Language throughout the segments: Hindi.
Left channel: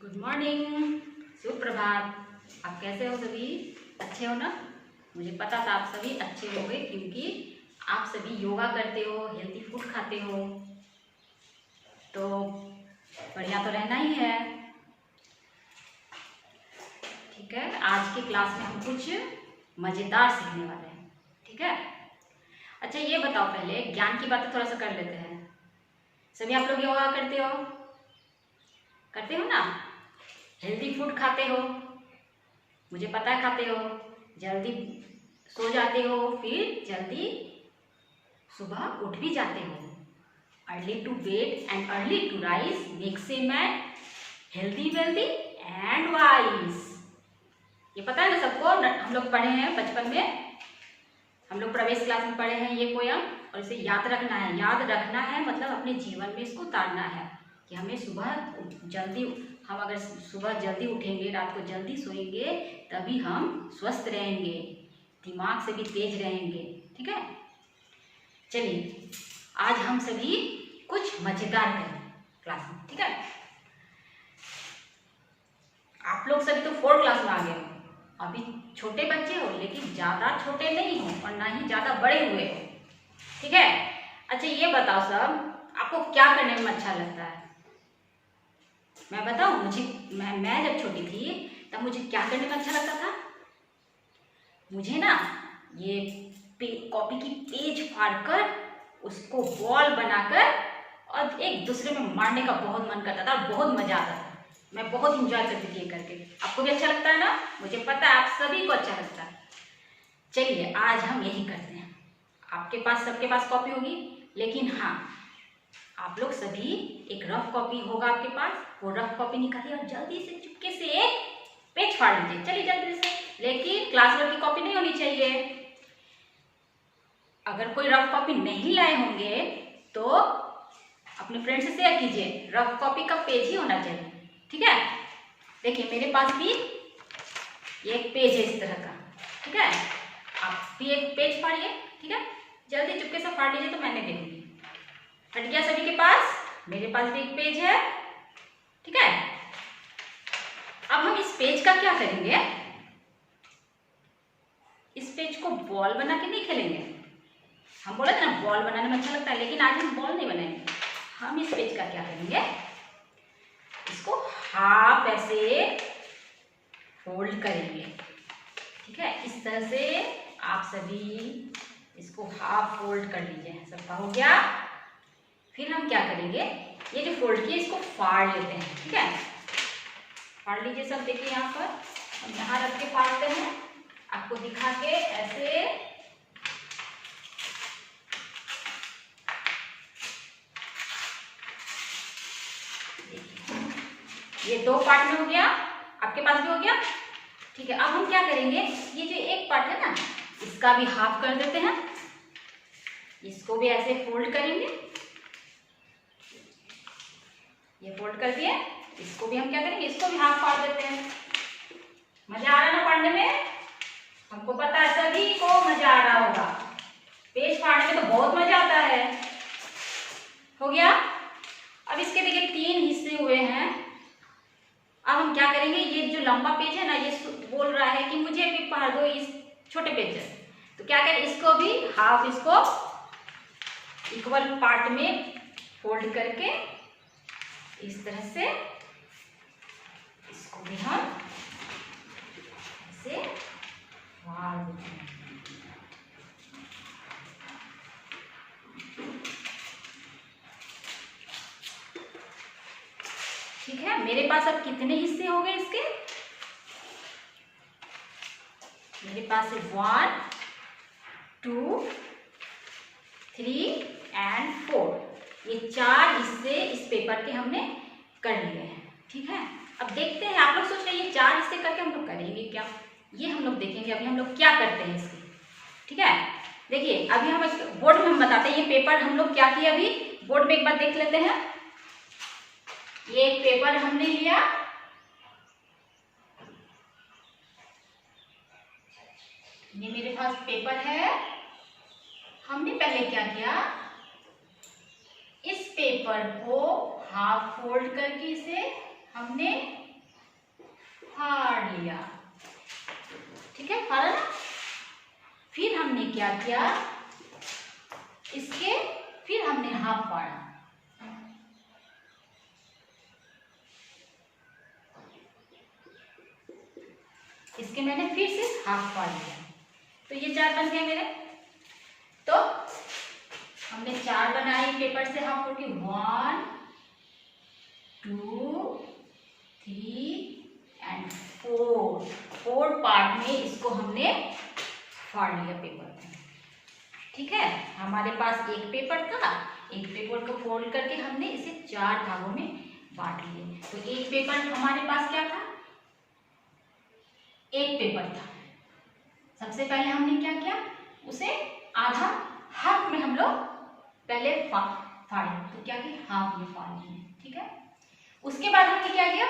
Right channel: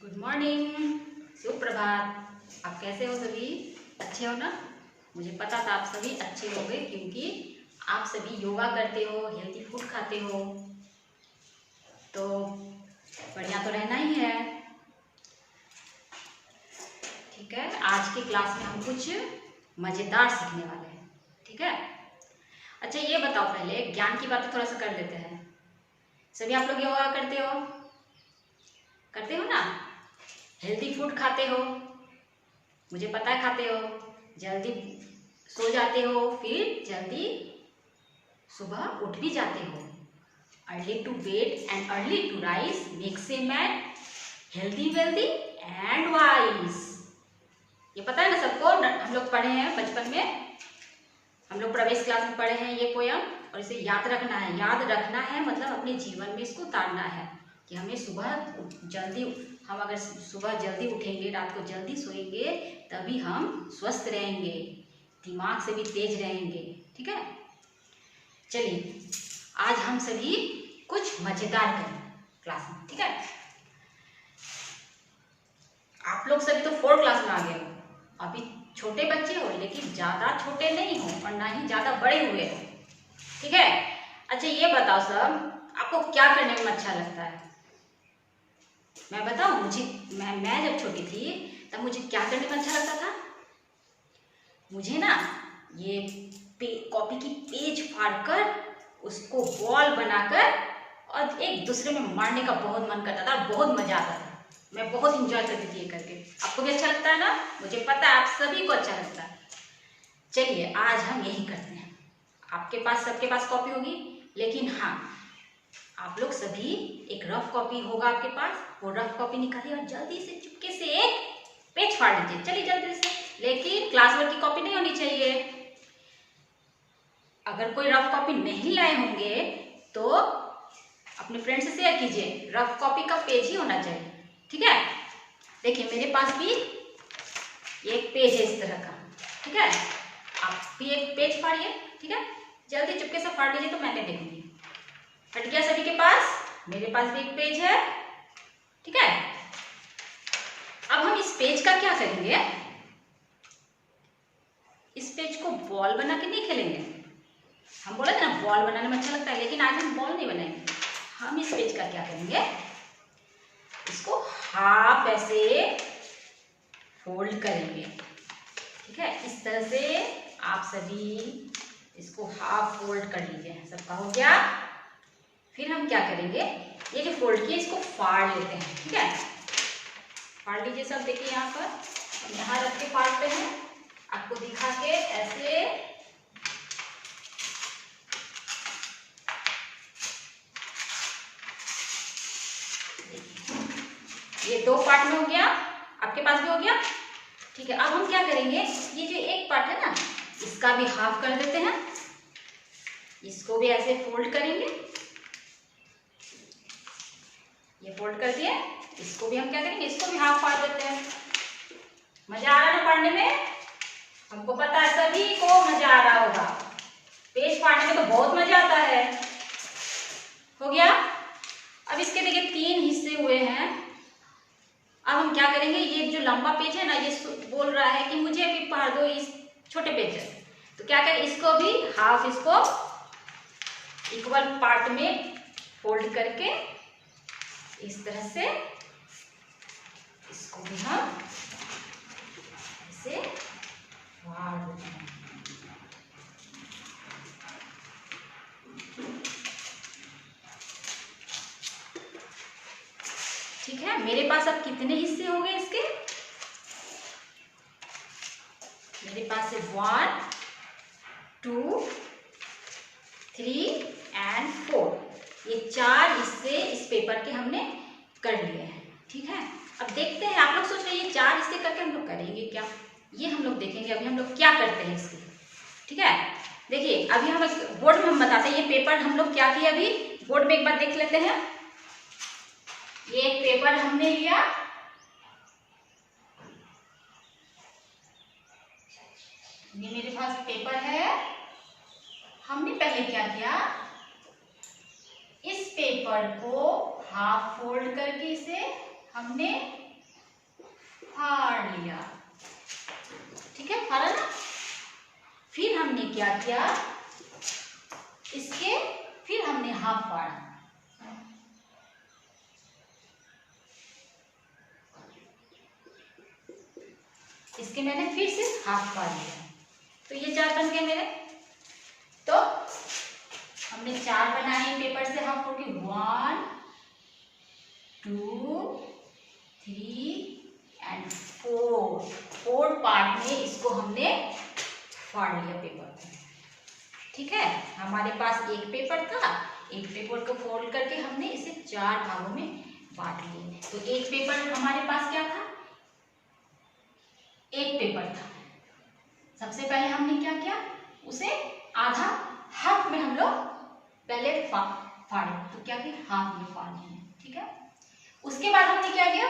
गुड मॉर्निंग, सुप्रभात। आप कैसे हो सभी? अच्छे हो ना? मुझे पता था आप सभी अच्छे होंगे क्योंकि आप सभी योगा करते हो, हेल्दी फूड खाते हो, तो बढ़िया तो रहना ही है। ठीक है, आज की क्लास में हम कुछ मज़ेदार सीखने वाले हैं। ठीक है, अच्छा ये बताओ, पहले ज्ञान की बातें थोड़ा सा कर लेते हैं। सभी आप लोग योगा करते हो ना? हेल्दी फूड खाते हो, मुझे पता है खाते हो। जल्दी सो जाते हो, फिर जल्दी सुबह उठ भी जाते हो। Early to bed and early to rise makes a man healthy wealthy and wise. ये पता है ना सबको? हम लोग पढ़े हैं बचपन में, हम लोग प्रवेश क्लास में पढ़े हैं ये पोयम, और इसे याद रखना है। याद रखना है मतलब अपने जीवन में इसको उतारना है कि हमें सुबह जल्दी, हम अगर सुबह जल्दी उठेंगे, रात को जल्दी सोएंगे, तभी हम स्वस्थ रहेंगे, दिमाग से भी तेज रहेंगे। ठीक है, चलिए आज हम सभी कुछ मजेदार करें क्लास में। ठीक है, आप लोग सभी तो 4 क्लास में आ गए हो, अभी छोटे बच्चे हो, लेकिन ज़्यादा छोटे नहीं हो और ना ही ज़्यादा बड़े हुए हो। ठीक है, अच्छा ये बताओ सब, आपको क्या करने में अच्छा लगता है? मैं बताऊं, मैं जब छोटी थी तब मुझे क्या करने में अच्छा लगता था? मुझे ना ये कॉपी की पेज फाड़कर उसको बॉल बनाकर और एक दूसरे में मारने का बहुत मन करता था और बहुत मजा आता था। मैं बहुत इंजॉय करती थी ये करके। आपको भी अच्छा लगता है ना? मुझे पता है आप सभी को अच्छा लगता है। चलिए आज हम यही करते हैं। आपके पास, सबके पास कॉपी होगी, लेकिन हाँ, आप लोग सभी एक रफ कॉपी होगा आपके पास, वो रफ कॉपी निकालिए और जल्दी से चुपके से एक पेज फाड़ लीजिए। चलिए जल्दी से, लेकिन क्लास वर्क की कॉपी नहीं होनी चाहिए। अगर कोई रफ कॉपी नहीं लाए होंगे तो अपने फ्रेंड से शेयर कीजिए, रफ कॉपी का पेज ही होना चाहिए। ठीक है, देखिए मेरे पास भी एक पेज है इस तरह का। ठीक है, आप भी एक पेज फाड़िए। ठीक है, जल्दी चुपके से फाड़ लीजिए तो मैं नहीं देखूंगी। हट गया सभी के पास? मेरे पास भी एक पेज है। ठीक है, अब हम इस पेज का क्या करेंगे? इस पेज को बॉल बना के नहीं खेलेंगे। हम बोले थे ना बॉल बनाने में अच्छा लगता है, लेकिन आज हम बॉल नहीं बनाएंगे। हम इस पेज का क्या करेंगे, इसको हाफ ऐसे फोल्ड करेंगे। ठीक है, इस तरह से आप सभी इसको हाफ फोल्ड कर लीजिए। सबका हो गया? फिर हम क्या करेंगे, ये जो फोल्ड किया इसको फाड़ लेते हैं। ठीक है, फाड़ लीजिए सब। देखिए यहाँ पर हम यहाँ रख के फाड़ते हैं, आपको दिखा के ऐसे। ये 2 पार्ट में हो गया, आपके पास भी हो गया। ठीक है, अब हम क्या करेंगे, ये जो एक पार्ट है ना, इसका भी हाफ कर देते हैं। इसको भी ऐसे फोल्ड करेंगे, ये फोल्ड कर दिए। इसको भी हम क्या करेंगे, इसको भी हाफ फाड़ देते हैं। मजा आ रहा ना पढ़ने में? हमको पता है सभी को मजा आ रहा होगा। पेज फाड़ने में तो बहुत मजा आता है। हो गया? अब इसके देखिए 3 हिस्से हुए हैं। अब हम क्या करेंगे, ये जो लंबा पेज है ना, ये बोल रहा है कि मुझे भी फाड़ दो इस छोटे पेज से। तो क्या करें, इसको भी हाफ, इसको इक्वल पार्ट में फोल्ड करके इस तरह से इसको भी हम ऐसे फाड़ देते हैं। ठीक है, मेरे पास अब कितने हिस्से हो गए इसके? मेरे पास है 1 2 3 एंड 4। ये 4 हिस्से इस पेपर के हमने कर लिए हैं। ठीक है, अब देखते हैं। आप लोग सोच रहे हैं ये 4 हिस्से करके हम लोग करेंगे क्या? ये हम लोग देखेंगे अभी हम लोग क्या करते हैं इसके। ठीक है, देखिए अभी हम बोर्ड में हम बताते हैं ये पेपर हम लोग क्या किए। अभी बोर्ड में एक बार देख लेते हैं। ये एक पेपर हमने लिया, ये मेरे पास पेपर है। हमने पहले क्या किया, इस पेपर को हाफ फोल्ड करके इसे हमने फाड़ा ना। फिर हमने क्या किया, इसके फिर हमने हाफ फाड़ा। इसके मैंने फिर से हाफ फाड़ लिया, तो ये 4 बन गए मेरे। तो हमने 4 बनाए पेपर से हाफ फोड़ के, 1 2 3 एंड 4 पार्ट में इसको हमने फाड़ लिया पेपर को। ठीक है, हमारे पास एक पेपर था, एक पेपर को फोल्ड करके हमने इसे 4 भागों में बांट लिए। तो एक पेपर हमारे पास क्या था, एक पेपर था। सबसे पहले हमने क्या किया, उसे आधा हाफ में हम लोग पहले फाड़े, तो क्या किया, हाफ में फाड़ लिए। ठीक है, उसके बाद हमने क्या किया,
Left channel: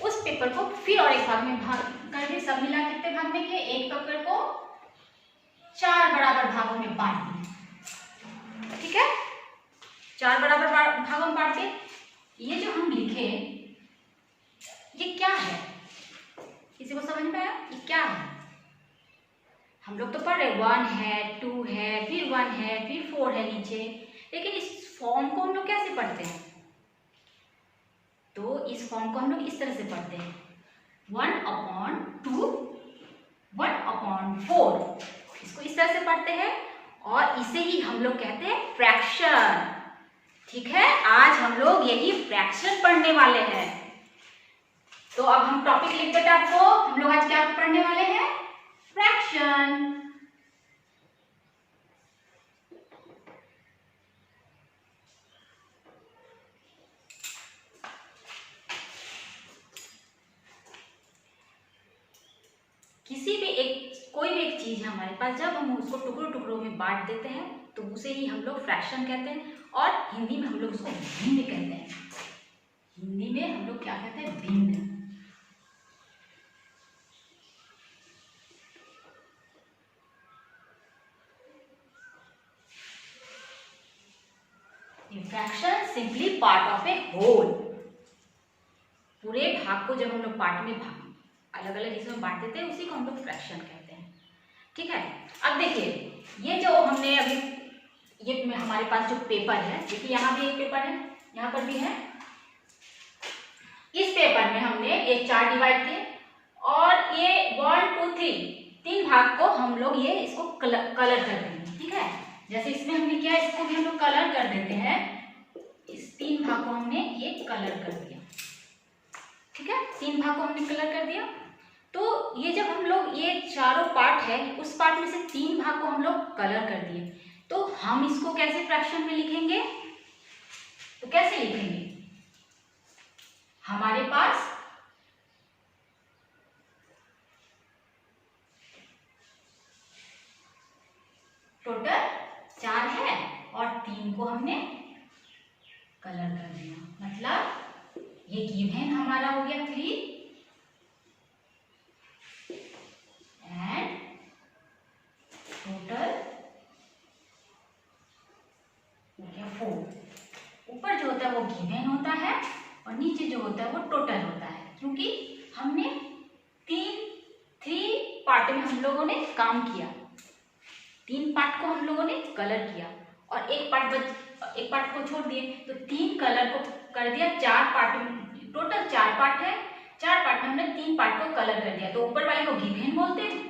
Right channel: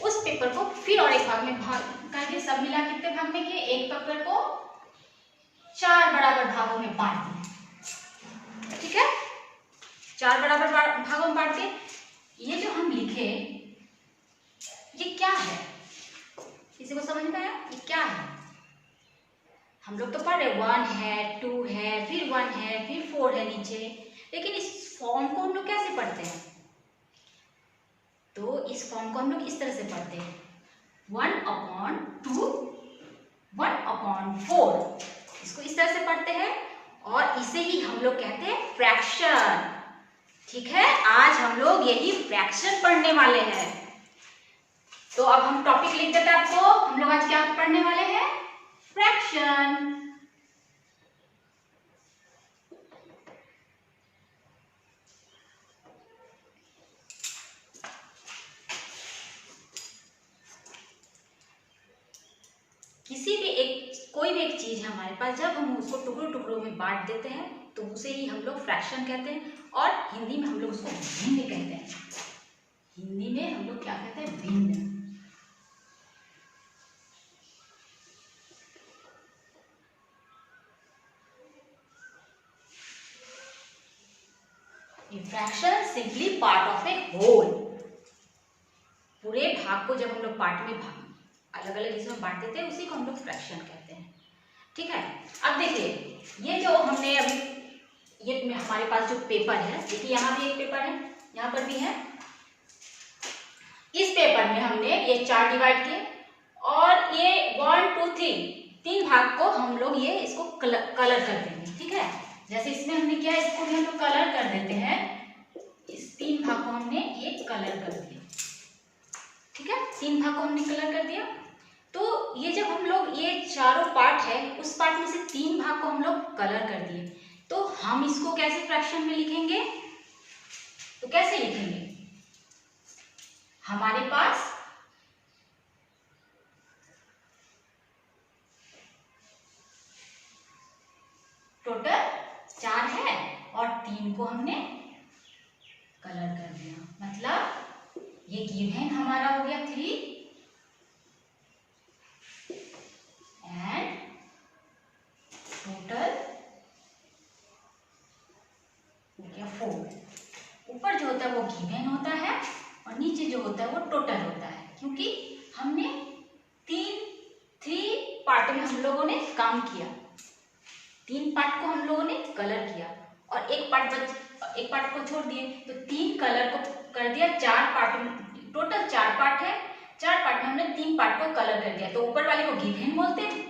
उस पेपर को फिर और एक भाग में भाग करके, सब मिला कितने भाग में किए, एक पेपर को 4 बराबर भागों में बांट दिए। ठीक है, 4 बराबर भागों में बांट के ये जो हम लिखे, ये क्या है, किसी को समझ में आया ये क्या है? हम लोग तो पढ़ रहे 1 है, 2 है, फिर 1 है, फिर 4 है नीचे, लेकिन इस फॉर्म को हम लोग कैसे पढ़ते हैं? तो इस फॉर्म को हम लोग इस तरह से पढ़ते हैं, 1/2 1/4, इसको इस तरह से पढ़ते हैं, और इसे ही हम लोग कहते हैं फ्रैक्शन। ठीक है, आज हम लोग यही फ्रैक्शन पढ़ने वाले हैं। तो अब हम टॉपिक लिख देते हैं आपको, हम लोग आज क्या पढ़ने वाले हैं, फ्रैक्शन। किसी भी कोई भी एक चीज है हमारे पास, जब हम उसको टुकड़ों टुकड़ों में बांट देते हैं तो उसे ही हम लोग फ्रैक्शन कहते हैं, और हिंदी में हम लोग उसको भिन्न कहते हैं। हिंदी में हम लोग क्या कहते हैं, भिन्न। Fraction simply part of a whole. पूरे भाग को जब हम लोग पार्ट में अलग अलग हिस्सों में बांट देते हैं, उसी को हम लोग फ्रैक्शन कहते हैं। ठीक है, अब देखिए, ये जो हमने अभी ये हमारे पास जो पेपर है, देखिए यहाँ भी एक पेपर है, यहाँ पर भी है। इस पेपर में हमने ये 4 डिवाइड किए, और ये 1 2 3 भाग को हम लोग ये इसको कलर कर देंगे। ठीक है, जैसे इसमें हमने किया, इसको भी हम लोग कलर कर देते हैं। इस 3 भाग को हमने ये कलर कर दिया। ठीक है, 3 भाग को हमने कलर कर दिया। तो ये जब हम लोग ये चारों पार्ट है, उस पार्ट में से 3 भाग को हम लोग कलर कर दिए, तो हम इसको कैसे फ्रैक्शन में लिखेंगे? तो कैसे लिखेंगे? हमारे पास टोटल 4 है और 3 को हमने कलर कर दिया, मतलब ये गिवन हमारा हो गया 3 एंड टोटल हो गया 4। ऊपर जो होता है वो गिवन होता है, और नीचे जो होता है वो टोटल होता है, क्योंकि हमने 3 पार्ट में हम लोगों ने काम किया। 3 पार्ट को हम लोगों ने कलर किया, और एक पार्ट को छोड़ दिए, तो 3 कलर को कर दिया 4 पार्ट में। टोटल 4 पार्ट है, 4 पार्ट में हमने 3 पार्ट को कलर कर दिया। तो ऊपर वाले को गिवन बोलते हैं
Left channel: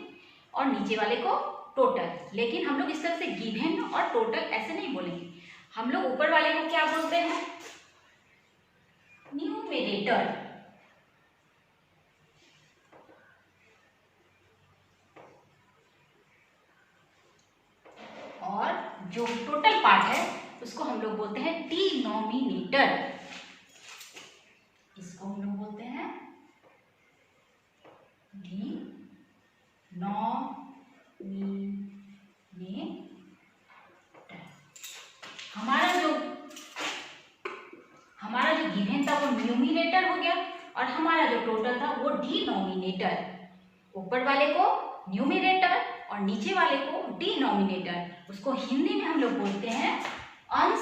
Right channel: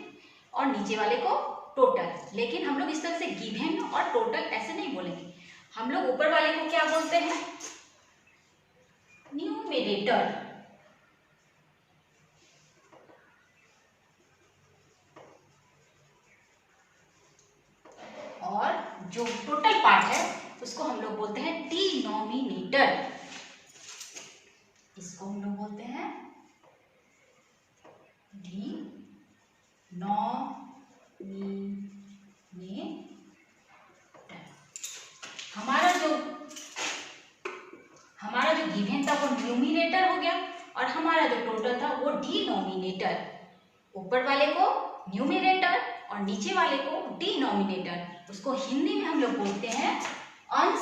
और नीचे वाले को टोटल। लेकिन हम लोग इस तरह से गिवन और टोटल ऐसे नहीं बोलेंगे, हम लोग ऊपर वाले को क्या बोलते हैं, न्यूमरेटर। और जो टोटल पार्ट है उसको हम लोग बोलते हैं डिनोमिनेटर। इसको हम लोग बोलते हैं डिनोमिनेटर। हमारा जो गिवन था वो न्यूमिनेटर हो गया, और हमारा जो टोटल था वो डिनोमिनेटर। ऊपर वाले को न्यूमिनेटर और नीचे वाले को डिनोमिनेटर। उसको हिंदी में हम लोग बोलते हैं अंश,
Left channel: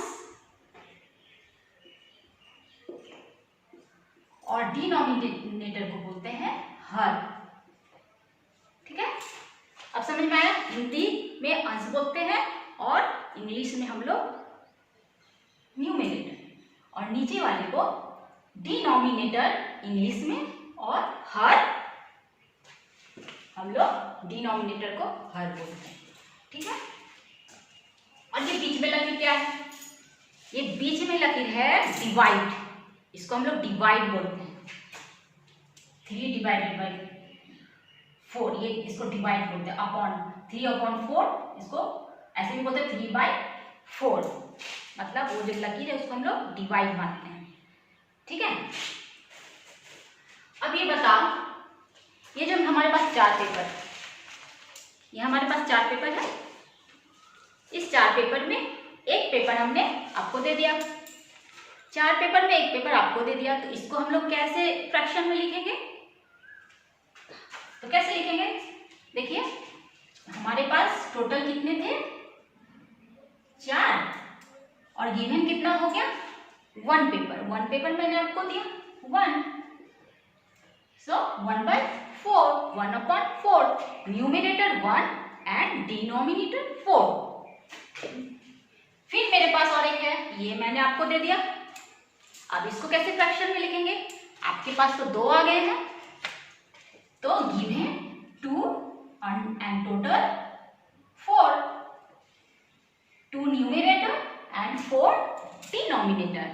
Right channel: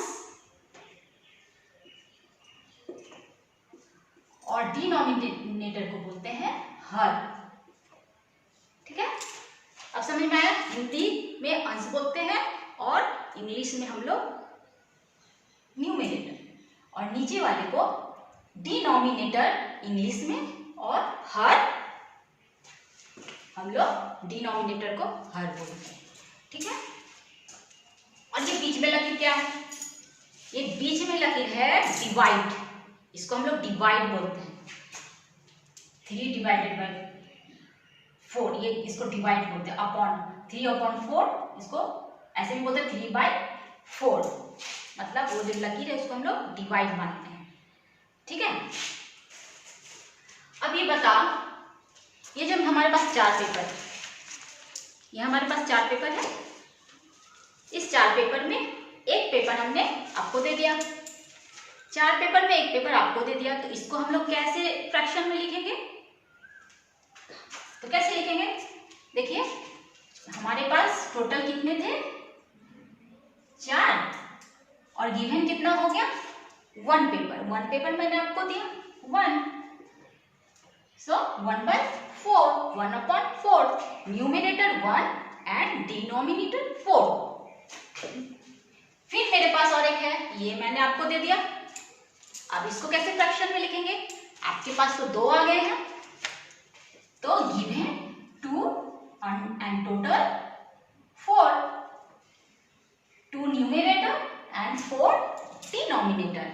और डिनोमिनेटर को बोलते हैं हर। ठीक है। अब समझ में आया? हिंदी में अंश बोलते हैं और इंग्लिश में हम लोग न्यूमरेटर, और नीचे वाले को डिनोमिनेटर इंग्लिश में, और हर हम लोग डिनोमिनेटर को हर बोलते हैं। ठीक है। और ये बीच में लकीर क्या है? ये बीच में लकीर है डिवाइड, इसको हम लोग डिवाइड बोलते हैं। 3 डिवाइडेड बाई 4, ये इसको डिवाइड बोलते हैं। अपॉन 3/4, इसको ऐसे भी बोलते हैं 3/4, मतलब वो जो लकीर है उसको हम लोग डिवाइड मानते हैं। ठीक है। अब ये बताओ, ये जब हमारे पास 4 पेपर, ये हमारे पास 4 पेपर है, इस 4 पेपर में एक पेपर हमने आपको दे दिया, 4 पेपर में एक पेपर आपको दे दिया, तो इसको हम लोग कैसे फ्रैक्शन में लिखेंगे? तो कैसे लिखेंगे? देखिए, हमारे पास टोटल कितने थे? 4, और गिवन कितना हो गया? 1 पेपर। 1 पेपर मैंने आपको दिया 1, सो 1/4, 1/4, न्यूमरेटर 1 एंड डिनोमिनेटर 4। फिर मेरे पास और एक है, ये मैंने आपको दे दिया। अब इसको कैसे फ्रैक्शन में लिखेंगे? आपके पास तो 2 आ गए हैं, तो given 2 and total 4, 2 numerator and 4 denominator,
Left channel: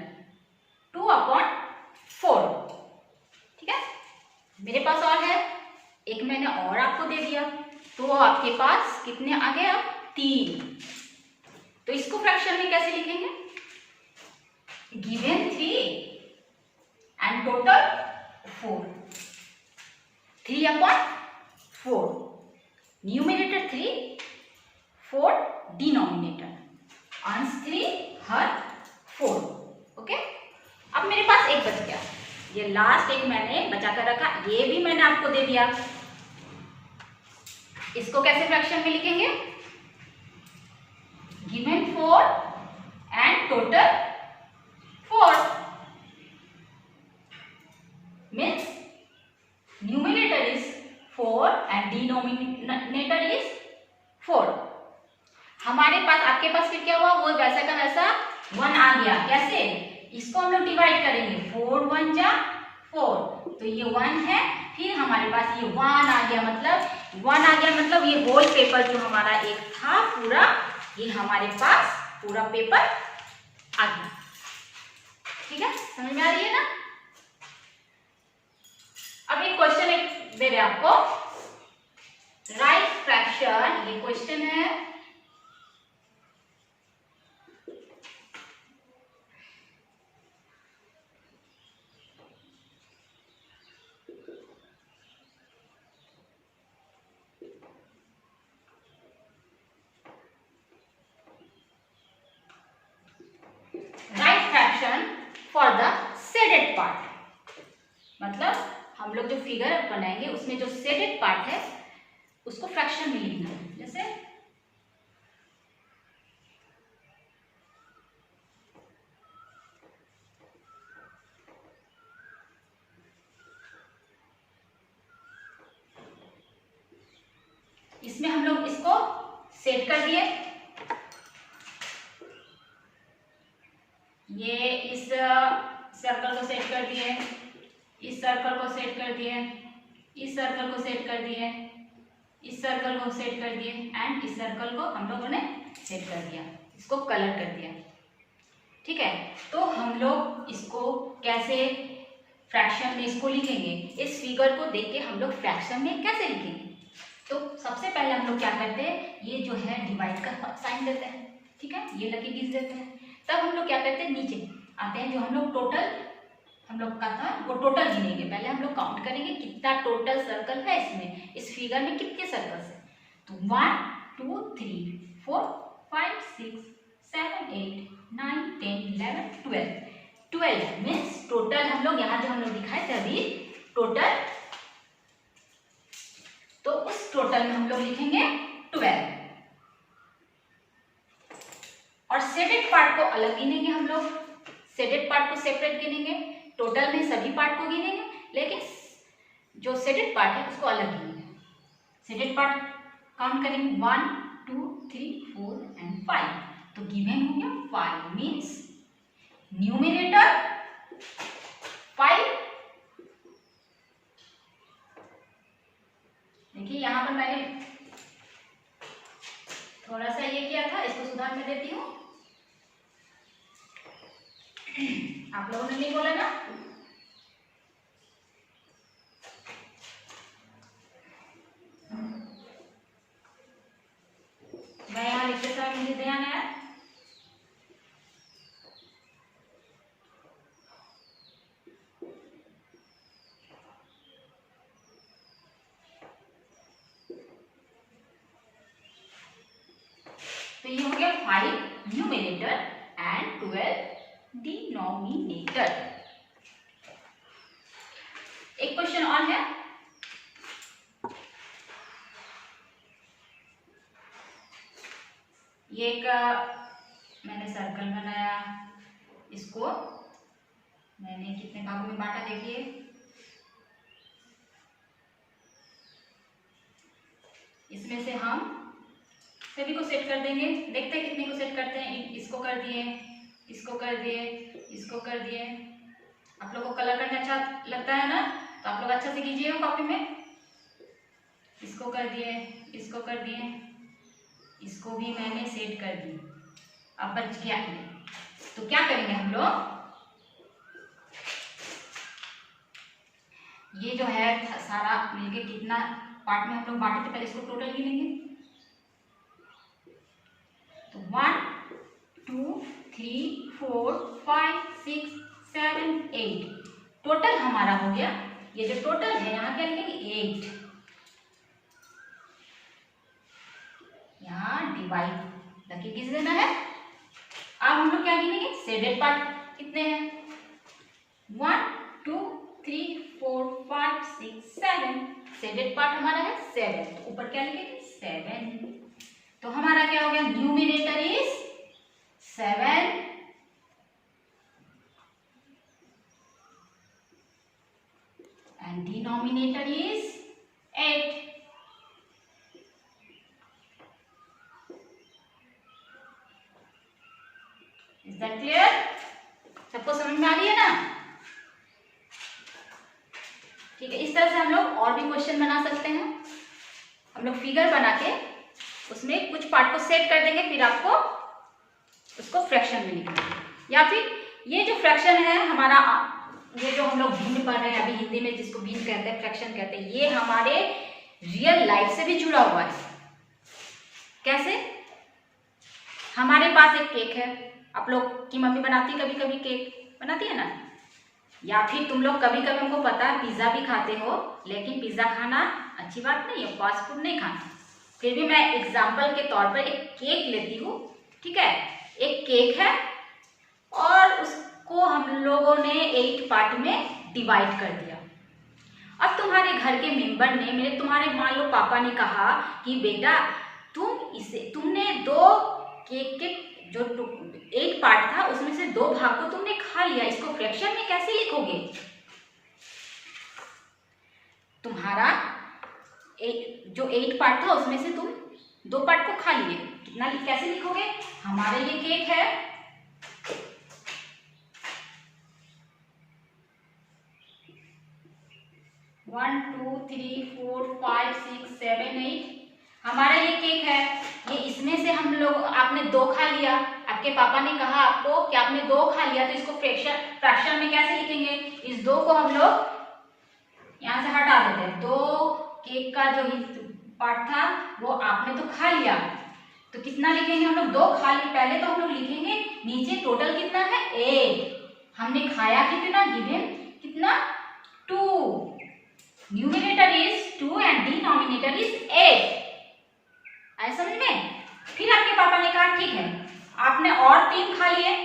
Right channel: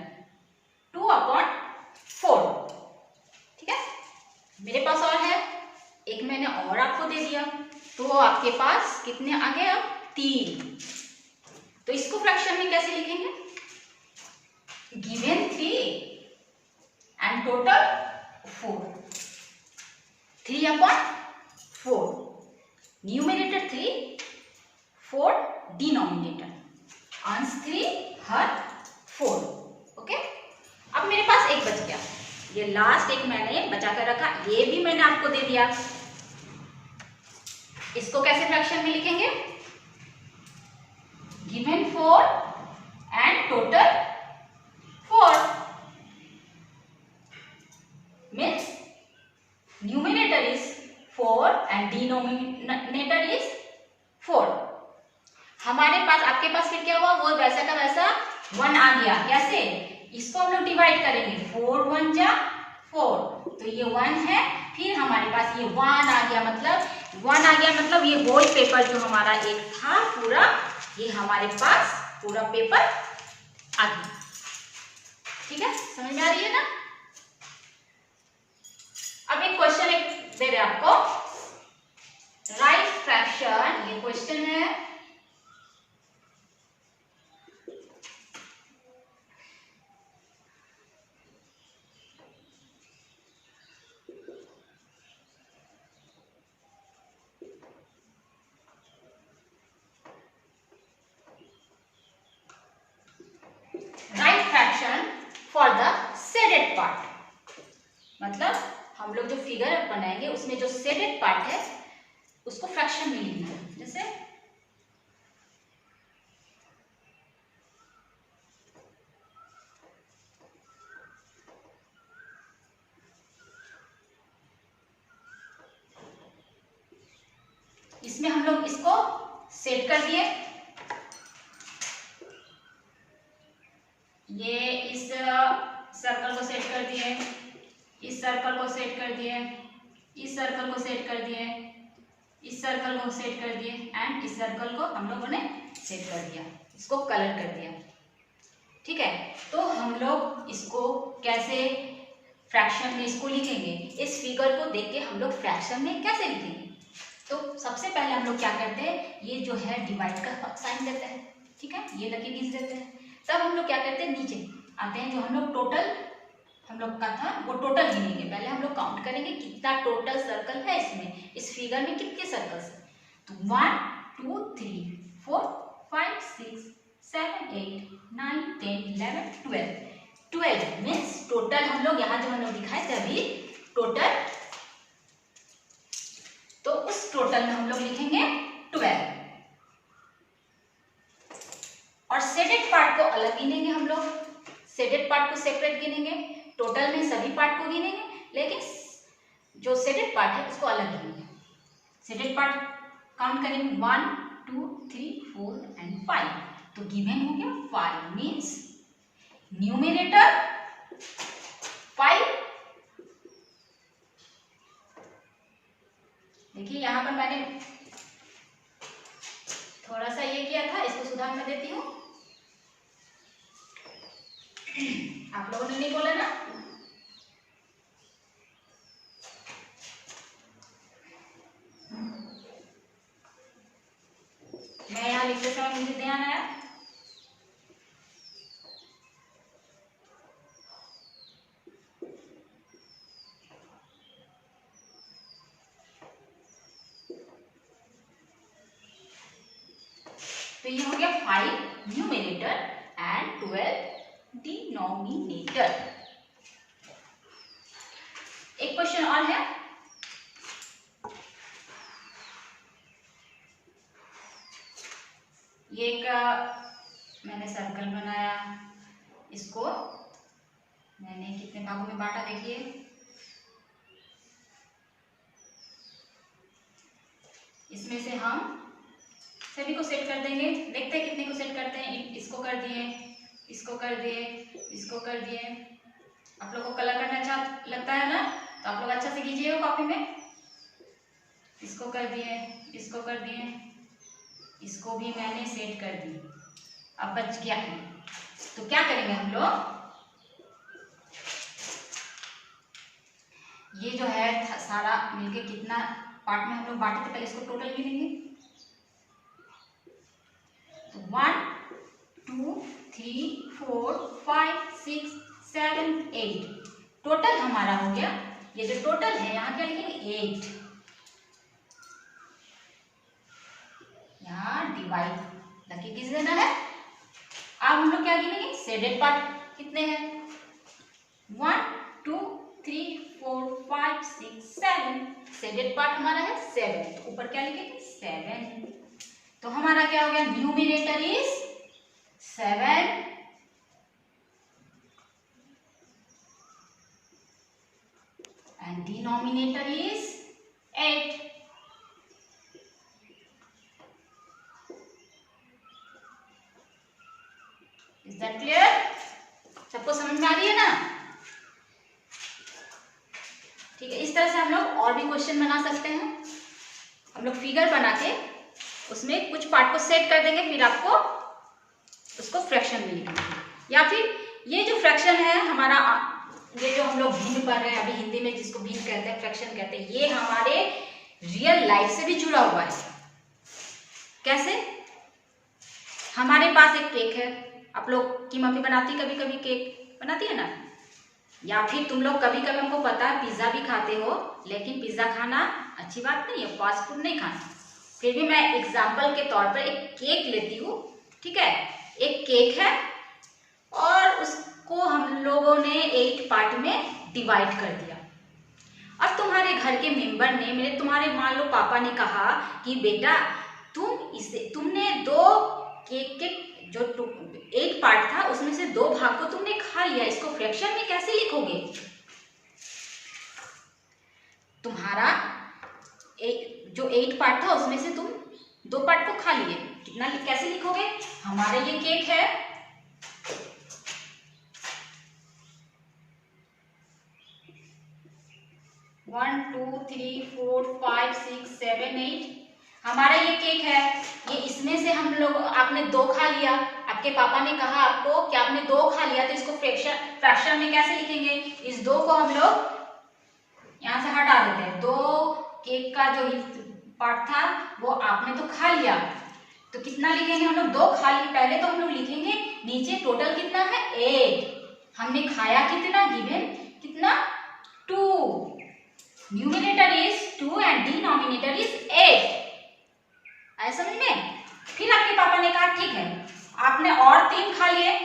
2/4। ठीक है। मेरे पास और है, एक मैंने और आपको दे दिया, तो आपके पास कितने आ गए? अब 3। तो इसको फ्रैक्शन में कैसे लिखेंगे? Given 3 and total 4, 3/4, numerator 3, 4 denominator, अंश 3, हर 4। ओके। अब मेरे पास एक बच गया, ये लास्ट एक मैंने बचा कर रखा, ये भी मैंने आपको दे दिया। इसको कैसे फ्रैक्शन में लिखेंगे? Given 4 and total 4, means numerator is 4 and denominator is 4। हमारे पास, आपके पास फिर क्या हुआ? वो वैसा का वैसा 1 आ गया। कैसे? इसको हम लोग डिवाइड करेंगे, 4 1 जा 4, तो ये 1 है, फिर हमारे पास ये 1 आ गया, मतलब 1 आ गया, मतलब ये होल पेपर जो हमारा एक था पूरा, ये हमारे पास पूरा पेपर आ गया। ठीक है, समझ में आ रही है ना? अब एक क्वेश्चन एक दे रहे आपको, राइट फ्रैक्शन, ये क्वेश्चन है। Right fraction for the shaded part, मतलब हम लोग जो फिगर बनाएंगे उसमें जो शेडेड पार्ट है उसको फ्रैक्शन में लिखना है। जैसे इसमें हम लोग इसको सेट कर दिए, ये इस सर्कल को सेट कर दिए, इस सर्कल को सेट कर दिए, इस सर्कल को सेट कर दिए, इस सर्कल को सेट कर दिए, एंड इस सर्कल को हम लोगों ने सेट कर दिया, इसको कलर कर दिया। ठीक है, तो हम लोग इसको कैसे फ्रैक्शन में इसको लिखेंगे? इस फिगर को देख के हम लोग फ्रैक्शन में कैसे लिखेंगे? तो सबसे पहले हम लोग क्या करते हैं, ये जो है डिवाइड का साइन देते हैं। ठीक है, ये लकीर खींच देते हैं। तब हम लोग क्या करते हैं, नीचे आते हैं, जो हम लोग टोटल हम लोग का था वो टोटल गिनेंगे। पहले हम लोग काउंट करेंगे कितना टोटल सर्कल है इसमें, इस फिगर में कितने सर्कल्स है। तो 1 2 3 4 5 6 7 8 9 10 11 12 मीन्स टोटल हम लोग यहाँ जो हम लोग दिखाए थे अभी टोटल, तो उस टोटल में हम लोग लिखेंगे 12, और शेडेड पार्ट को अलग गिनेंगे हम लोग, शेडेड पार्ट को सेपरेट गिनेंगे, टोटल में सभी पार्ट को गिनेंगे, लेकिन जो शेडेड पार्ट है उसको अलग गिनेंगे। शेडेड पार्ट काउंट करेंगे 1 2 3 4 एंड 5। तो गिवन हो गया 5 मीन्स न्यूमरेटर 5। देखिए यहां पर मैंने थोड़ा सा ये किया था, इसको सुधार कर देती हूँ। आप लोगों ने नहीं बोला ना? मैं यहाँ लिखते समय मुझे ध्यान आया। तो ये हो गया 5 न्यूमरेटर एंड 12 डिनोमिनेटर। एक क्वेश्चन और है। ये एक मैंने सर्कल बनाया, इसको मैंने कितने भागों में बांटा देखिए। इसमें से हम सभी को सेट कर देंगे, देखते हैं कितने को सेट करते हैं। इसको कर दिए, इसको कर दिए, इसको कर दिए। आप लोगों को कलर करना अच्छा लगता है ना, तो आप लोग अच्छा से कीजिएगा कॉपी में। इसको कर दिए, इसको कर दिए, इसको भी मैंने सेट कर दी। अब बच गया है, तो क्या करेंगे हम लोग, ये जो है सारा मिलके कितना पार्ट में हम लोग बांटे थे, पहले इसको टोटल गिनेंगे। तो 1 2 3 4 5 6 7 8 टोटल हमारा हो गया। ये जो टोटल है यहाँ क्या लिखेंगे 8, यहाँ डिवाइड लगे किस देना है। अब हम लोग क्या गिनेंगे, शेडेड पार्ट कितने हैं, 1 2 3 4 5 6 7। शेडेड पार्ट हमारा है 7, तो ऊपर क्या लिखेंगे 7। तो हमारा क्या हो गया, numerator is 7 and denominator is 8. Is that clear? सबको समझ में आ रही है ना? ठीक है, इस तरह से हम लोग और भी क्वेश्चन बना सकते हैं। हम लोग फिगर बना के उसमें कुछ पार्ट को सेट कर देंगे, फिर आपको उसको फ्रैक्शन में लिखेंगे। या फिर ये जो फ्रैक्शन है हमारा, ये जो हम लोग भिन्न पढ़ रहे हैं अभी हिंदी में, जिसको भिन्न कहते हैं, फ्रैक्शन कहते हैं, ये हमारे रियल लाइफ से भी जुड़ा हुआ है। कैसे? हमारे पास एक केक है, आप लोग की मम्मी बनाती कभी कभी केक बनाती है ना, या फिर तुम लोग कभी कभी, हमको पता है पिज्जा भी खाते हो, लेकिन पिज्जा खाना अच्छी बात नहीं है, फास्ट फूड नहीं खाना। फिर भी मैं एग्जाम्पल के तौर पर एक केक लेती हूँ, ठीक है। एक केक है और उसको हम लोगों ने 8 पार्ट में डिवाइड कर दिया। अब तुम्हारे घर के मेंबर ने, तुम्हारे मान लो पापा ने कहा कि बेटा तुमने 2 केक के जो 8 पार्ट था उसमें से 2 भाग को तुमने खा लिया, इसको फ्रैक्शन में कैसे लिखोगे? तुम्हारा जो 8 पार्ट था उसमें से तुम 2 पार्ट को खा लिए, कितना कैसे लिखोगे? हमारा ये केक है, वन 2 3 4 5 6 7 8 हमारा ये केक है। ये इसमें से हम लोग, आपने 2 खा लिया, आपके पापा ने कहा आपको कि आपने 2 खा लिया, तो इसको फ्रैक्शन में कैसे लिखेंगे? इस 2 को हम लोग यहाँ से हटा देते हैं। 2 केक का जो पार्ट था वो आपने तो खा लिया, तो कितना लिखेंगे हम लोग? 2 खा लिए। पहले तो हम लोग लिखेंगे नीचे टोटल कितना है 8, हमने खाया कितना, गिवन कितना 2, numerator is 2 and denominator is 8। आए समझ में? फिर आपके पापा ने कहा ठीक है, आपने और 3 खा लिए,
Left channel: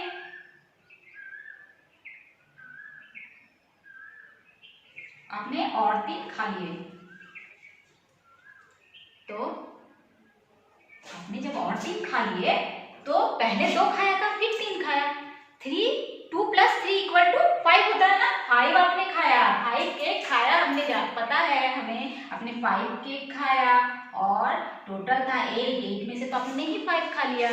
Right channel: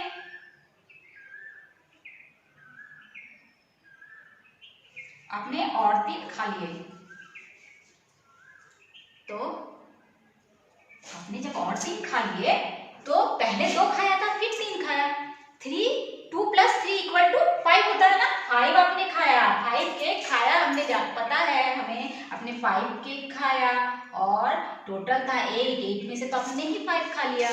आपने और 3 खा लिए, तो आपने जब और 3 खा लिए तो पहले 2 खाया था, फिर 3 खाया। 2 + 3 = 5 होता है ना, 5 आपने खाया, 5 केक खाया, हमने पता है हमें, आपने 5 केक खाया और टोटल था 8 में से तो आपने ही 5 खा लिया,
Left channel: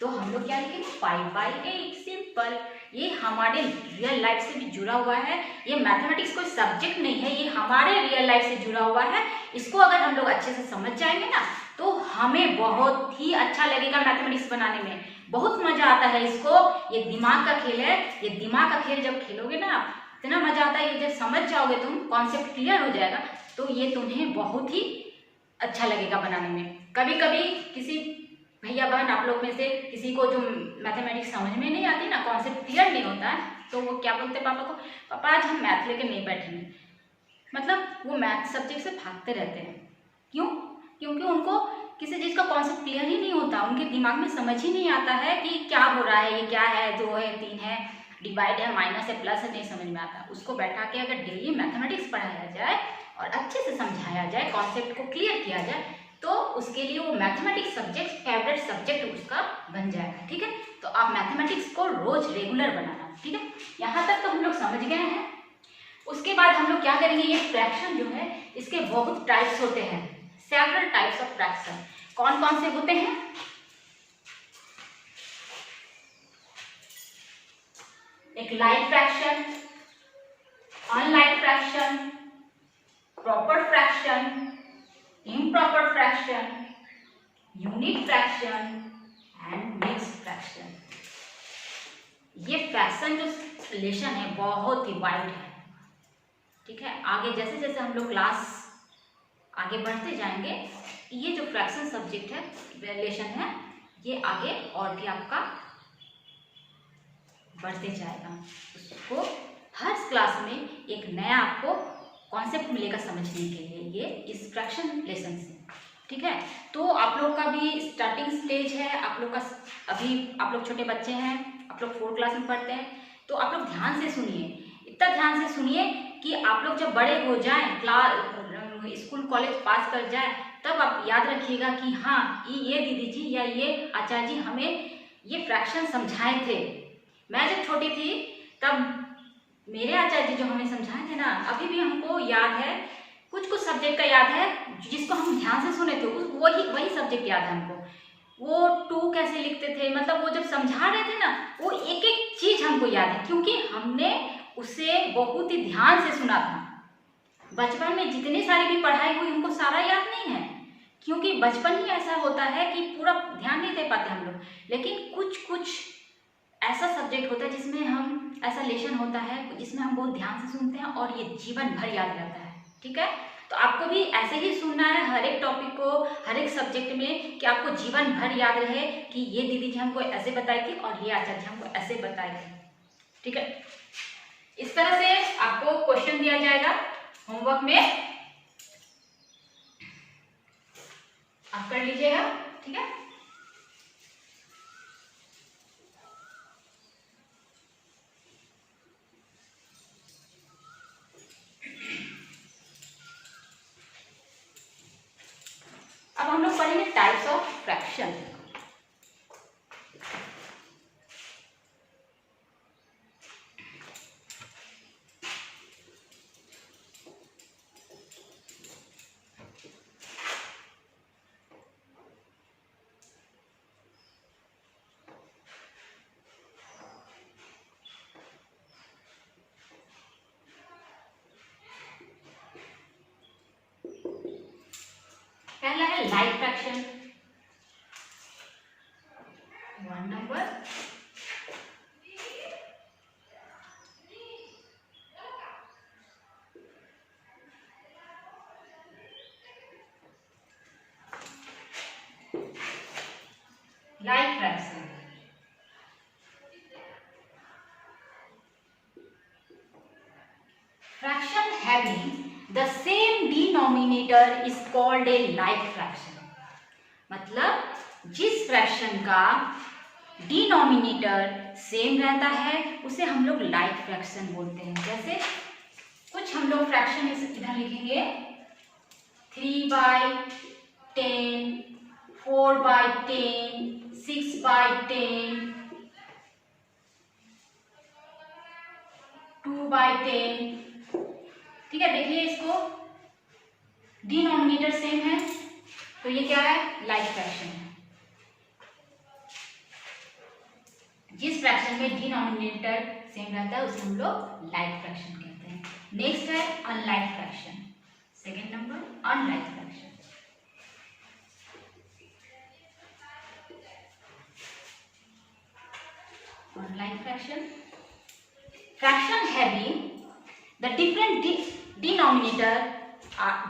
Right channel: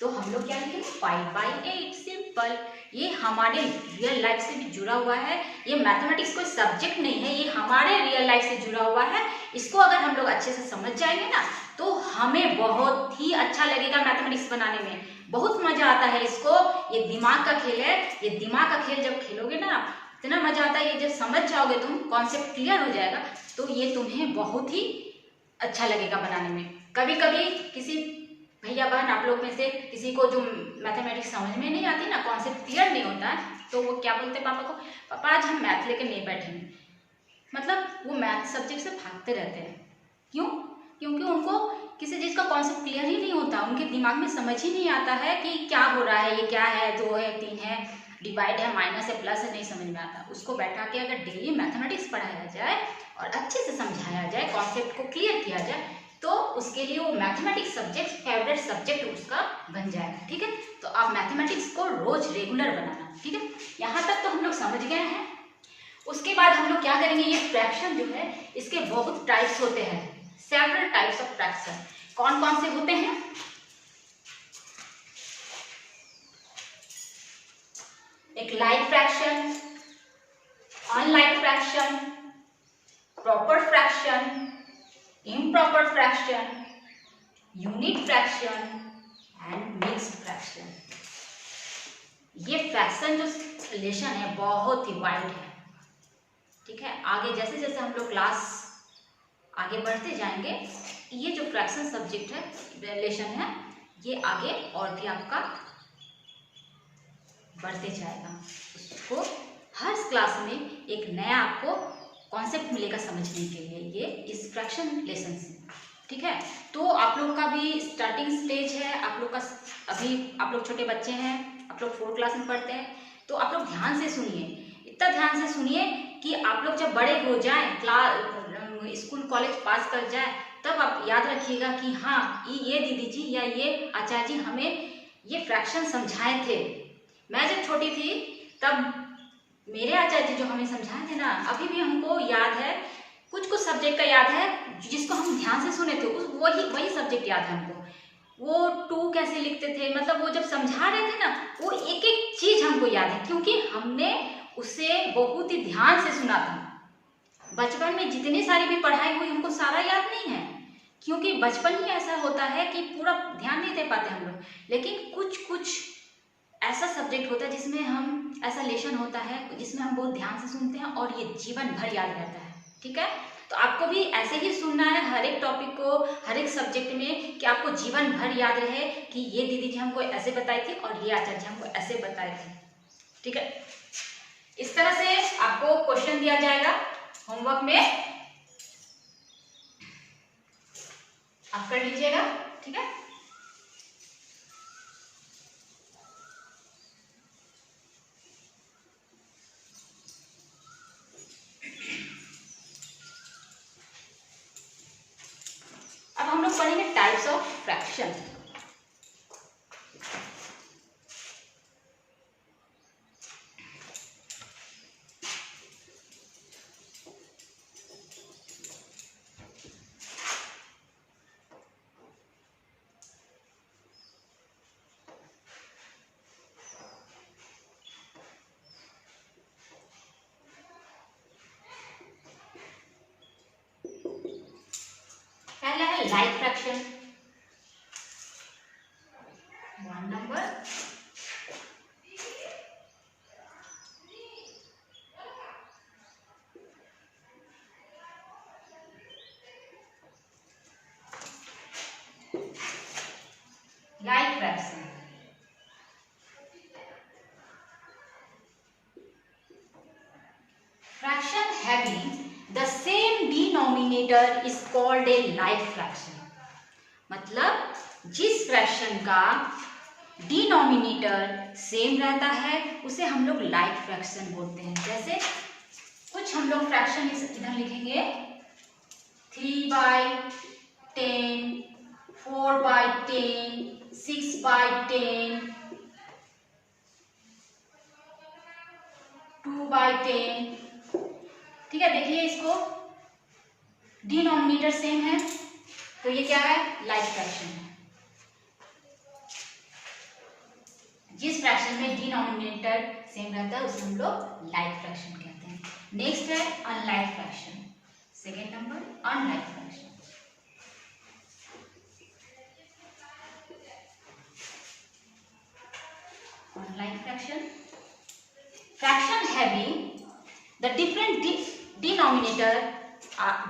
तो हम लोग क्या लिखेंगे 5/8 सिंपल। ये हमारे रियल लाइफ से भी जुड़ा हुआ है, ये मैथमेटिक्स कोई सब्जेक्ट नहीं है, ये हमारे रियल लाइफ से जुड़ा हुआ है। इसको अगर हम लोग अच्छे से समझ जाएंगे ना तो हमें बहुत ही अच्छा लगेगा मैथमेटिक्स बनाने में, बहुत मजा आता है इसको। ये दिमाग का खेल है, ये दिमाग का खेल जब खेलोगे ना इतना मजा आता है, ये जब समझ जाओगे तुम, कॉन्सेप्ट क्लियर हो जाएगा तो ये तुम्हें बहुत ही अच्छा लगेगा बनाने में। कभी कभी किसी भैया बहन आप लोग में से किसी को जो मैथमेटिक्स समझ में नहीं आती ना, कॉन्सेप्ट क्लियर नहीं होता है, तो वो क्या बोलते हैं पापा को, पापा आज हम मैथ लेके नहीं बैठेंगे। मतलब वो मैथ सब्जेक्ट से भागते रहते हैं। क्यों? क्योंकि उनको किसी चीज़ का कॉन्सेप्ट क्लियर ही नहीं होता, उनके दिमाग में समझ ही नहीं आता है कि क्या हो रहा है, ये क्या है, 2 है 3 है, डिवाइड है, माइनस है, प्लस है, नहीं समझ में आता। उसको बैठा के अगर डेली मैथमेटिक्स पढ़ाया जाए और अच्छे से समझाया जाए, कॉन्सेप्ट को क्लियर किया जाए, तो उसके लिए वो मैथमेटिक्स सब्जेक्ट फेवरेट सब्जेक्ट उसका बन जाएगा। ठीक है, तो आप मैथमेटिक्स को रोज रेगुलर बनाना। ठीक है, यहाँ तक तो हम लोग समझ गए हैं। उसके बाद हम लोग क्या करेंगे, ये फ्रैक्शन जो है इसके बहुत टाइप्स होते हैं, सेवरल टाइप्स ऑफ फ्रैक्शन। कौन कौन से होते हैं? एक like fraction, unlike fraction, proper fraction, improper fraction, unit fraction and mixed fraction. ये फ्रैक्शन जो रिलेशन है बहुत ही वाइड है। ठीक है, आगे जैसे जैसे हम लोग क्लास आगे बढ़ते जाएंगे, ये जो फ्रैक्शन सब्जेक्ट है, रिलेशन है, ये आगे और भी आपका बढ़ते जाएगा। उसको हर क्लास में एक नया आपको कॉन्सेप्ट मिलेगा समझने के लिए, ये इस फ्रैक्शन रिलेशन से। ठीक है, तो आप लोग का भी स्टार्टिंग स्टेज है, आप लोग का अभी, आप लोग छोटे बच्चे हैं, आप लोग 4th क्लास में पढ़ते हैं, तो आप लोग ध्यान से सुनिए, इतना ध्यान से सुनिए कि आप लोग जब बड़े हो जाएं, क्लास स्कूल कॉलेज पास कर जाए, तब आप याद रखिएगा कि हाँ ये दीदी जी या ये आचार्य जी हमें ये फ्रैक्शन समझाए थे। मैं जब छोटी थी तब मेरे आचार्य जी जो हमें समझाए थे ना, अभी भी हमको याद है, कुछ कुछ सब्जेक्ट का याद है जिसको हम ध्यान से सुने थे, उस वही सब्जेक्ट याद है हमको। वो 2 कैसे लिखते थे, मतलब वो जब समझा रहे थे ना, वो एक एक चीज हमको याद है, क्योंकि हमने उसे बहुत ही ध्यान से सुना था। बचपन में जितनी सारी भी पढ़ाई हुई हमको सारा याद नहीं है, क्योंकि बचपन ही ऐसा होता है कि पूरा ध्यान नहीं दे पाते हम लोग। लेकिन कुछ कुछ ऐसा सब्जेक्ट होता है जिसमें हम, ऐसा लेसन होता है जिसमें हम बहुत ध्यान से सुनते हैं और ये जीवन भर याद रहता है। ठीक है, तो आपको भी ऐसे ही सुनना है हर एक टॉपिक को, हर एक सब्जेक्ट में, कि आपको जीवन भर याद रहे कि ये दीदी जी हमको ऐसे बताई थी और ये आचार्य जी हमको ऐसे बताए थे। ठीक है, इस तरह से आपको क्वेश्चन दिया जाएगा होमवर्क में, आप कर लीजिएगा। ठीक है, अब हम लोग पढ़ेंगे टाइप्स ऑफ फ्रैक्शन। पहला है like fraction, 1 number. Like fraction, fraction having the same denominator is called a like fraction। मतलब जिस फ्रैक्शन का डिनोमिनेटर सेम रहता है उसे हम लोग लाइक फ्रैक्शन बोलते हैं। जैसे कुछ हम लोग फ्रैक्शन इधर लिखेंगे, 3/10, 4/10, 6/10, 2/10। ठीक है, देखिए इसको डिनोमिनेटर सेम है तो ये क्या है, लाइक फ्रैक्शन है। जिस फ्रैक्शन में डिनोमिनेटर सेम रहता है उसे हम लोग लाइक फ्रैक्शन कहते हैं। नेक्स्ट है unlike fraction. Second number unlike fraction. Unlike fraction, fraction having the different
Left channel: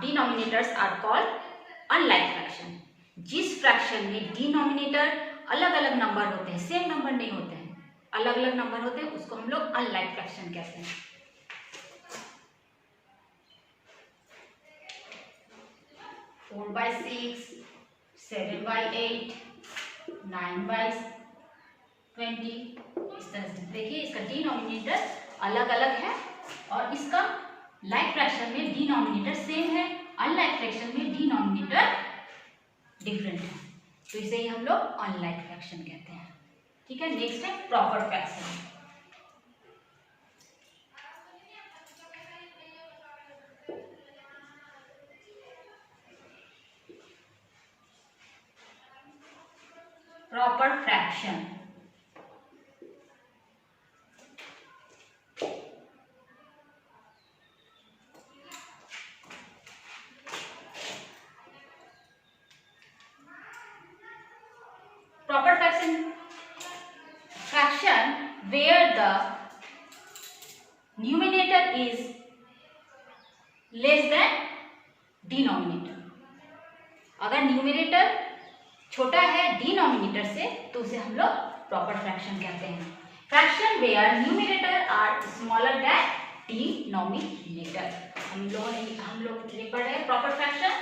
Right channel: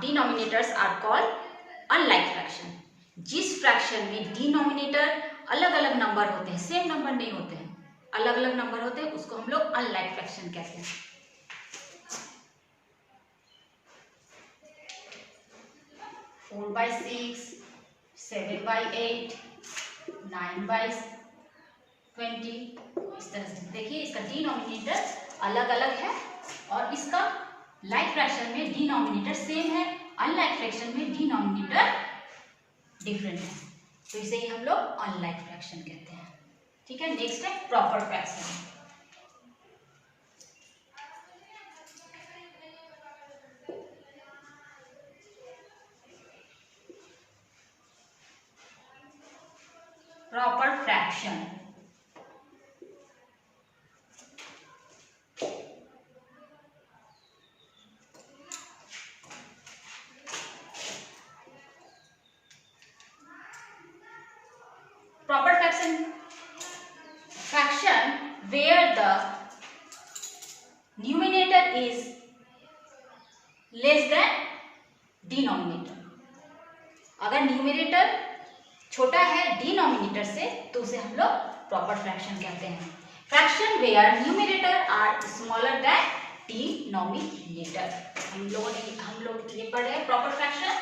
denominators are called unlike fraction. जिस फ्रैक्शन में डिनोमिनेटर अलग अलग नंबर होते हैं, सेम नंबर नहीं होते हैं, अलग अलग नंबर होते हैं, उसको हम लोग अनलाइक फ्रैक्शन कहते हैं। 4/6, 7/8, 9/20, इस तरह से देखिए इसका डिनोमिनेटर अलग अलग है और इसका लाइक फ्रैक्शन में डिनोमिनेटर सेम है, अनलाइक फ्रैक्शन में डिनोमिनेटर डिफरेंट है, तो इसे ही हम लोग अनलाइक फ्रैक्शन कहते हैं। ठीक है, नेक्स्ट है proper fraction. Proper fraction fraction where the numerator is less than denominator। अगर न्यूमिनेटर छोटा है डिनोमिनेटर से तो उसे हम लोग प्रॉपर फ्रैक्शन कहते हैं। Fraction where numerator are smaller than denominator. हम लोग ये पढ़े हैं प्रॉपर फ्रैक्शन।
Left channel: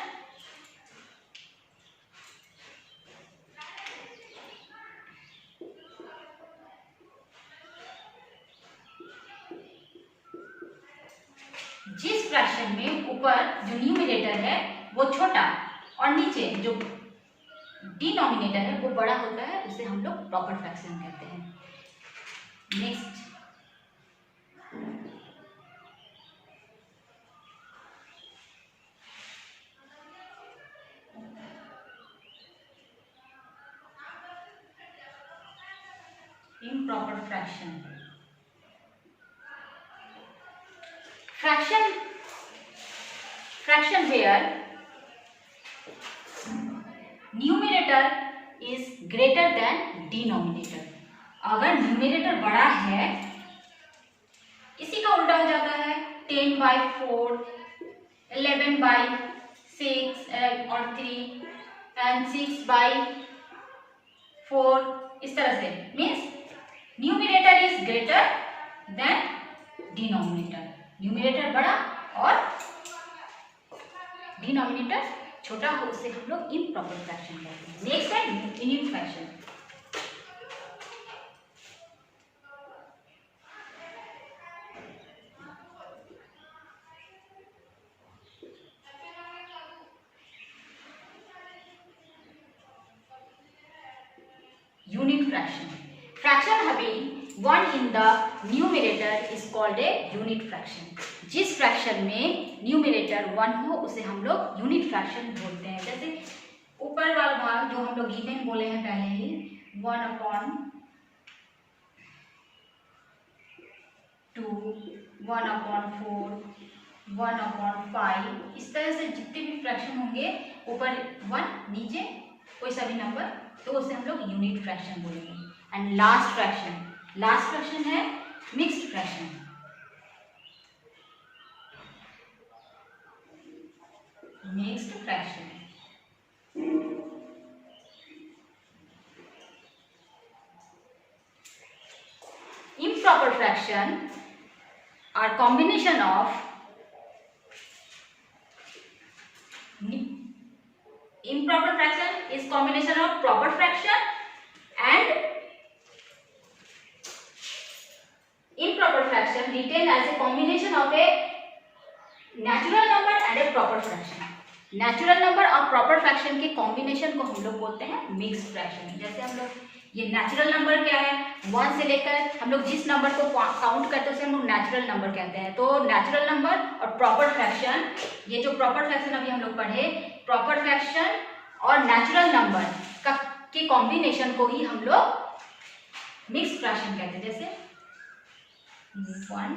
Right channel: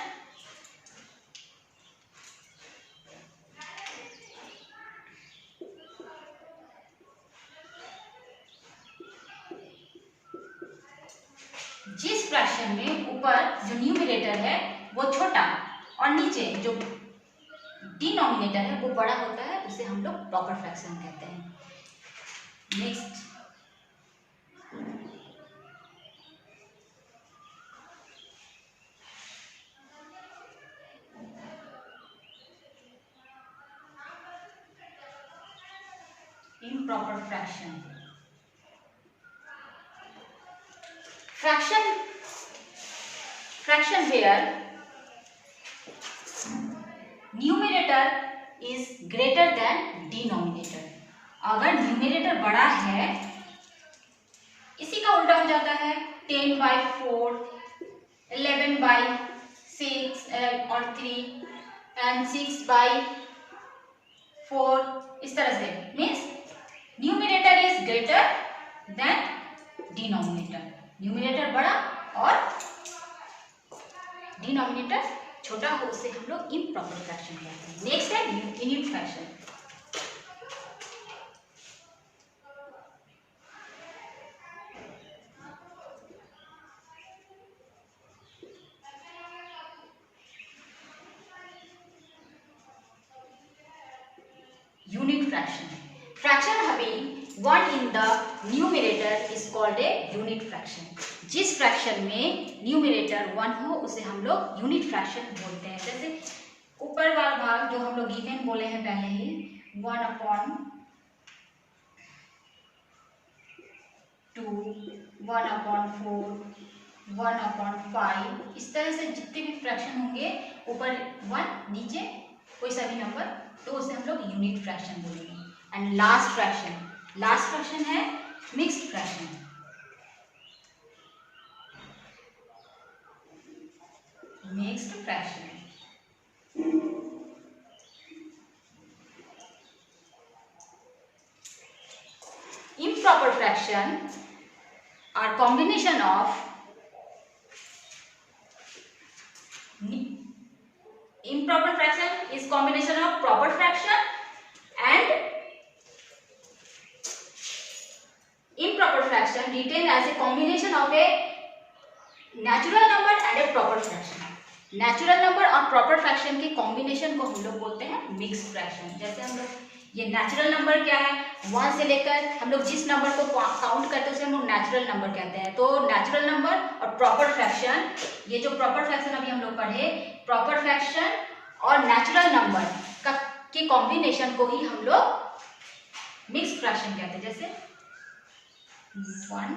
जिस फ्रैक्शन में ऊपर जो न्यूमिनेटर है वो छोटा और नीचे जो डिनोमिनेटर है वो बड़ा होता है उसे हम लोग प्रॉपर फ्रैक्शन कहते हैं। Next improper fraction। fraction where numerator is greater than denominator। अगर न्यूमिनेटर बड़ा है, इसी का उल्टा हो जाता है 10/4, 11/6 और 3 and 6/4, इस तरह से means numerator is greater than denominator. Numerator बड़ा और डिनोमिनेटर छोटा हो उसे हम लोग इम्प्रॉपर फ्रैक्शन कहते हैं। नेक्स्ट है unit fraction. Unit fraction, fraction having 1 in the numerator is called a unit fraction। जिस फ्रैक्शन में न्यूमिनेटर 1 हो उसे हम लोग यूनिट फ्रैक्शन बोलते हैं। जैसे ऊपर वाला भाग जो हम लोग गिवन बोले हैं पहले ही 1/2, 1/4, 1/5, इस तरह से जितने भी फ्रैक्शन होंगे ऊपर 1 नीचे कोई सा भी नंबर तो उसे हम लोग यूनिट फ्रैक्शन बोलेंगे। एंड लास्ट फ्रैक्शन है mixed fraction. Mixed fraction improper fraction are combination of improper fraction is combination of proper fraction and improper fraction written as a combination of a natural number and a proper fraction। Natural number और प्रॉपर फ्रैक्शन के कॉम्बिनेशन को हम लोग बोलते हैं मिक्स्ड फ्रैक्शन। जैसे हम लोग ये नेचुरल नंबर क्या है, 1 से लेकर हम लोग जिस नंबर को काउंट करते हैं उसे हम लोग नेचुरल नंबर कहते हैं। तो नेचुरल नंबर और प्रॉपर फ्रैक्शन, ये जो प्रॉपर फ्रैक्शन अभी हम लोग पढ़े, प्रॉपर फ्रैक्शन और नेचुरल नंबर का के कॉम्बिनेशन को ही हम लोग मिक्स फ्रैक्शन कहते हैं। जैसे 1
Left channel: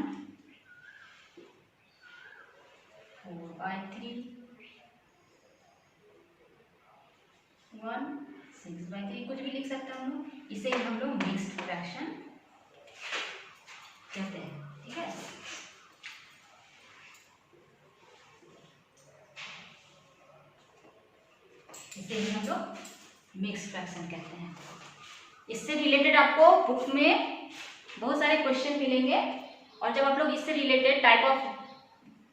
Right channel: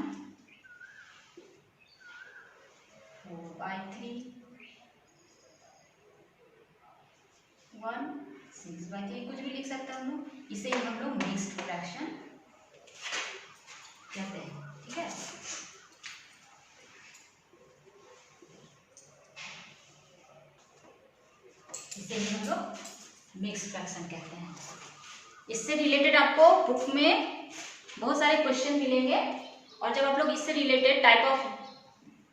4/3, 1 6/3, कुछ भी लिख सकते हैं हम लोग, इसे हम लोग मिक्स्ड फ्रैक्शन कहते हैं। ठीक है, इसे ही हम लोग मिक्स्ड फ्रैक्शन कहते हैं। इससे रिलेटेड आपको बुक में बहुत सारे क्वेश्चन मिलेंगे, और जब आप लोग इससे रिलेटेड टाइप ऑफ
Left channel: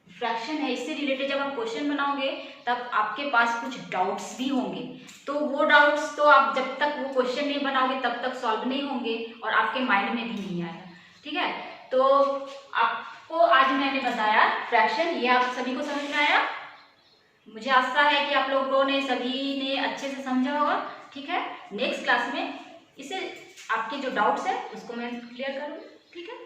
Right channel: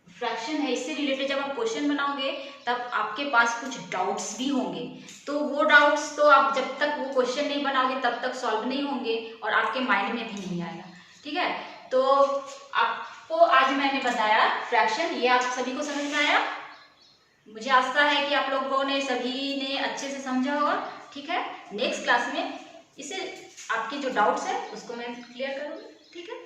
फ्रैक्शन है, इससे रिलेटेड जब आप क्वेश्चन बनाओगे तब आपके पास कुछ डाउट्स भी होंगे। तो वो डाउट्स तो आप जब तक वो क्वेश्चन नहीं बनाओगे तब तक सॉल्व नहीं होंगे और आपके माइंड में भी नहीं आएगा। ठीक है, तो आपको आज मैंने बताया फ्रैक्शन, ये आप सभी को समझ में आया। मुझे आशा है कि आप लोगों ने सभी ने अच्छे से समझा होगा। ठीक है, नेक्स्ट क्लास में इसे आपके जो डाउट्स है उसको मैं क्लियर करूँगी। ठीक है।